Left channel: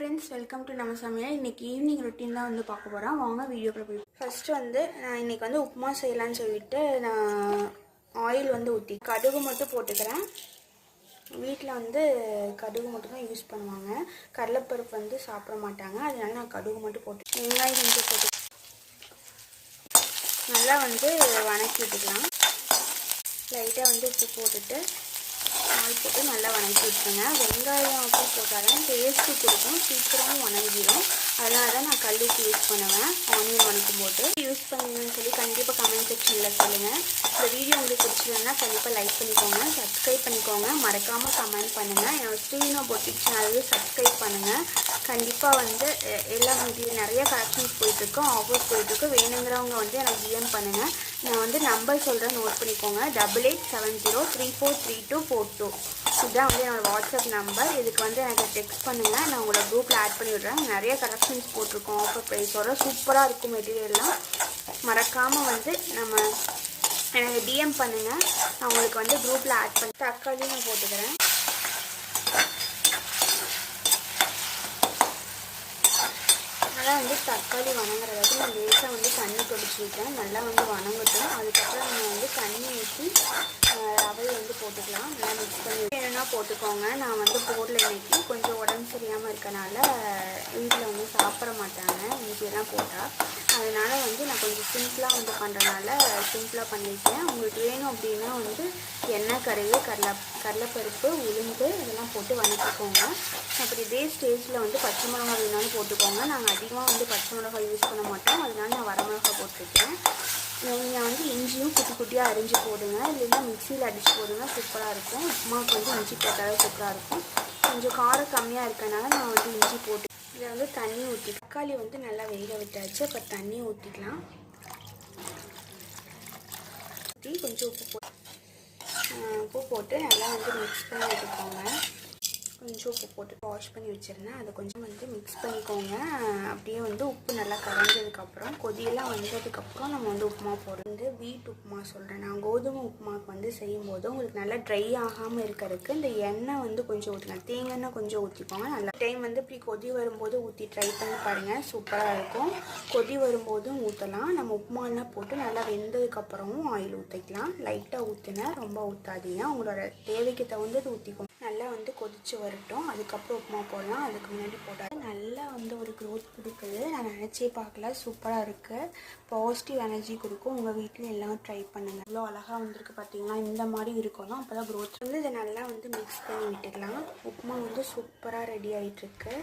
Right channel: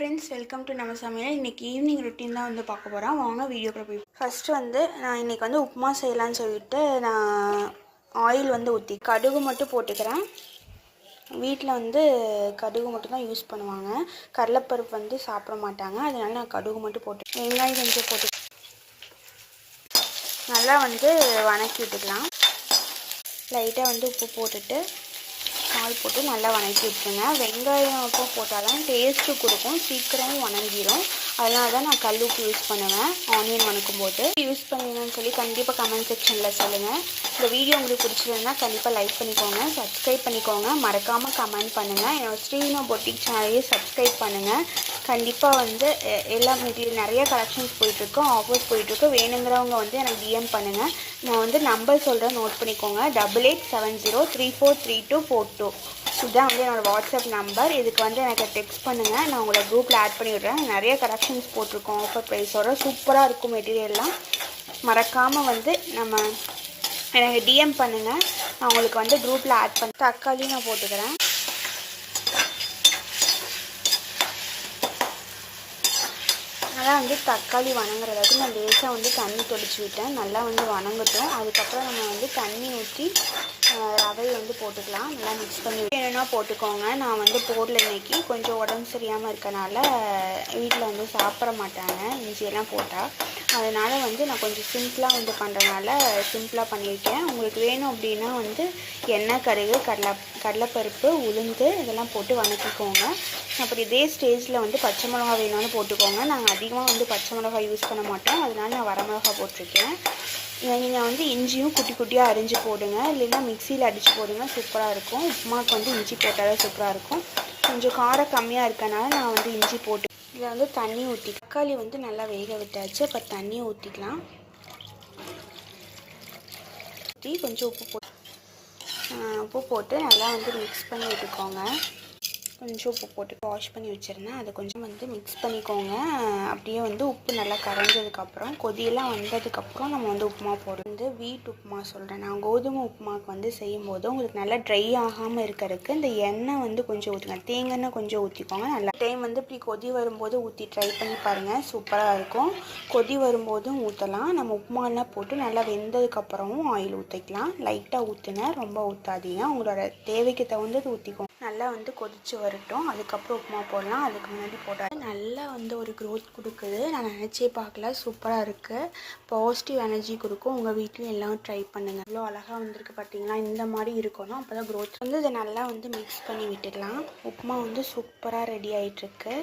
Friends, welcome to நம்ம சமையல். இன்றைக்கி ஈவினிங் ரொட்டீன் தான் வந்து பார்க்க போகிறோம். வாங்க வீடியோக்குள்ள போய். ஃபஸ்ட்டு வந்து நான் இன்றைக்கி வந்து உப்புமா செய்யலான்னு சொல்லிட்டு நான் ஆயில் வந்து ஊற்றி கடுகு மட்டும் போட்டுக்கிறேன். வீட்டில் வந்து கடுகு மட்டும் தான் யூஸ் பண்ணுவாங்க. கடலைப்பருப்பு வந்து சாப்பிட மாட்டாங்க. அதனால நான் கடுகு மட்டும் போட்டு வெங்காயம் கொஞ்சம் போட்டு நல்லா வந்து வணக்கி விட்டுக்கலாம். லைட்டாக வந்து உப்பு போட்டுட்டு பால் போட்டு நல்லா வணக்கி விட்டுருங்க. வெங்காயம் அப்போ போட்டால் தான் டேஸ்ட்டு கொடுக்கும், சீக்கிரமும் வணங்கிடும். அதனால தான் நான் கல் உப்பு யூஸ் பண்ணுவேன் ஆனியன் வணக்கும் போது. யூஸ் பண்ணுங்கன்னு சொல்லி கண்டிப்பாக கமெண்ட் செக்ஷனில் சொல்லுங்கள். இந்த வீடியோ உங்களுக்கு பிடிச்சிருந்தா கண்டிப்பாக லைக் பண்ணிக்கோங்க, சப்ஸ்கிரைப் பண்ணிக்கோங்க, மறக்காமல் கமெண்ட் பண்ணுங்கள். என்னோட ஸ்ரீனோ பொட்டிக் சேனலையே சப்ஸ்கிரைப் பண்ணுங்கள். கண்டிப்பாக வந்து எல்லா மெட்டீரியல் நிறைய கலெக்ஷன்ஸ் போயிட்டுருக்கு, ஆஃபர்ஸ் போயிட்டுருக்கு. வேணுங்கிறவங்க வந்து எனக்கு டிஎம் பண்ணுங்கள். நான் வந்து நம்பர் சொல்கிறேன், நோட் பண்ணிக்கோங்க. 8870343242. இதுதான் வந்து என்னோடய வாட்ஸ்அப் நம்பர். இதுக்கு வந்து எனக்கு டெக்ஸ்ட் பண்ணுங்கள். நான் உங்களை குரூப்பில் ஆட் பண்ணி விட்றேன். நிறைய கலெக்ஷன்ஸ் போட்டிருக்கோம் ஆஃபர் ப்ரைஸோட. சூப்பராக இருக்கும் மெட்டீரியல்லாம். மறக்காமல் வந்து எனக்கு டிஎம் பண்ணுங்கள். நான் உங்களுக்கு வந்து குரூப்பில் ஆட் பண்ணி தக்காளி நான் போட்டுக்கிறேன். நல்லா வந்து தக்காளி வணங்குற அளவுக்கு நான் லேசாக வந்து தண்ணி தொளிச்சு விட்டேன். நல்லா வந்து வணங்கட்டும். அதுக்கப்புறம் நம்ம வந்து தண்ணி ஊற்றி ரவையை வந்து போட்டுக்கலாம். நல்லா மிக்ஸ் பண்ணி வேணும்னா போட்டுக்கோங்க. நான் வந்து போடல இன்னைக்கு. கொஞ்சம் உடம்பு சரியாமல் இருக்கனால வீட்டில் வந்து சாப்பிட மாட்டாங்க இஞ்சியெல்லாம் போட்டால். அதனால் வந்து நான் கொஞ்சம் சிம்பிளாக வந்து பண்ணுறதுனால சிம்பிளாக பண்ணியிருக்கேன். உங்களுக்கு வேணும் அப்படின்னா வந்து எண்ணெய், கடுகு, கடலைப்பருப்பு, உளுந்து இதெல்லாம் போட்டு வணக்கிக்கோங்க. அப்புறம் இதே ஸ்டேஜில் வந்து பச்சை மிளகா வேணும்னு போட்டுக்கோங்க. நாங்கள் அதிகமாக வந்து பச்சை மிளகா யூஸ் பண்ண மாட்டோம். அதனால நான் வரமிளகா போட்டிருக்கேன். நீங்கள் வந்து இஞ்சியும் குட்டி குட்டியாக அரிஞ்சு போடுங்க, இல்லைன்னா மிக்சியில் அடித்து போடுங்க. சூப்பராக இருக்கும். உப்புமாவுக்கு வந்து இஞ்சி போட்டாலே சூப்பராக இருக்கும். கொஞ்சம் காரம் கம்மியாக இருக்கனால நான் வந்து இஞ்சி போட்டு இதில் வந்து தண்ணி ஊற்றி தக்காளி வந்து நல்லா வேக விட்டாச்சு. அப்போ தண்ணி ஊற்றிக்கலாம். ஊற்றி கொஞ்சம் உப்பு போட்டு நல்லா வந்து மிக்ஸ் பண்ணி விட்டுக்கோங்க. கொஞ்சம் உப்பு போட்டு வாஷ் பண்ணி வச்சுருந்தேன். அதை கொஞ்சம் வந்து மிக்ஸ் பண்ணிக்கோங்க. அப்படியே வந்து உப்பு நல்லா கரைஞ்சதுக்கப்புறம் கொதியெல்லாம் வந்ததுக்கப்புறம் நம்ம வந்து உப்புமா போடுறது வந்து வீட்டு உப்புமா சொல்கிறேன். நான் கோதுமை உப்புமாவுக்கு வந்து செய்யும்போது உங்களுக்கு நல்லா ட்ரை ஆகாமல் இருக்கிறதுக்கு இந்த எண்ணெய் வந்து கொஞ்சம் ஊற்றுங்க. தேங்காய் கொஞ்சம் ஊற்றிக்கோங்க. நல்லா டைம் வந்து இப்படி கொதி வரும்போது ஊற்றி ட்ரை பண்ணி பாருங்கள். சூப்பராக இருக்கும். கொதி வரும்போதும் ஊற்றலாம். நம்ம உப்புமாலாம் போட்டு நல்லா வெந்ததுக்கப்புறமும் ஆயில் ஊற்றிக்கலாம். லைட்டாக ஊற்றுங்க, ரொம்ப ஊற்றாதீங்க. உங்களோட தேவைக்கு தகுந்தது ஊற்றிக்கோங்க. நல்லா வந்து கொதித்து வரட்டும். அதுக்கப்புறம் உப்புமா போடலாம். அதுக்கு முன்னாடி போட்டால் நல்லா வந்து ஒரு க்ரோத் கொடுக்குது. நான் நினச்சே பார்க்கல. சூப்பராக இருக்குது. பாசிட்டிவ் எனர்ஜி கொடுக்கும். உங்கள் வீட்லேயும் எல்லாம் ட்ரை பண்ணுங்கள். இவ்வளோ அழகாக வந்திருக்கு பார்த்தீங்களா? இந்த மாதிரி இருக்கணும். அப்போ தான் க்ரோத் வந்து இதை நல்லா வந்து மிக்ஸ் பண்ணி விட்டுக்கலாம். உப்புமா வந்து சூப்பராக ரெடி ஆகிட்டுருக்கு.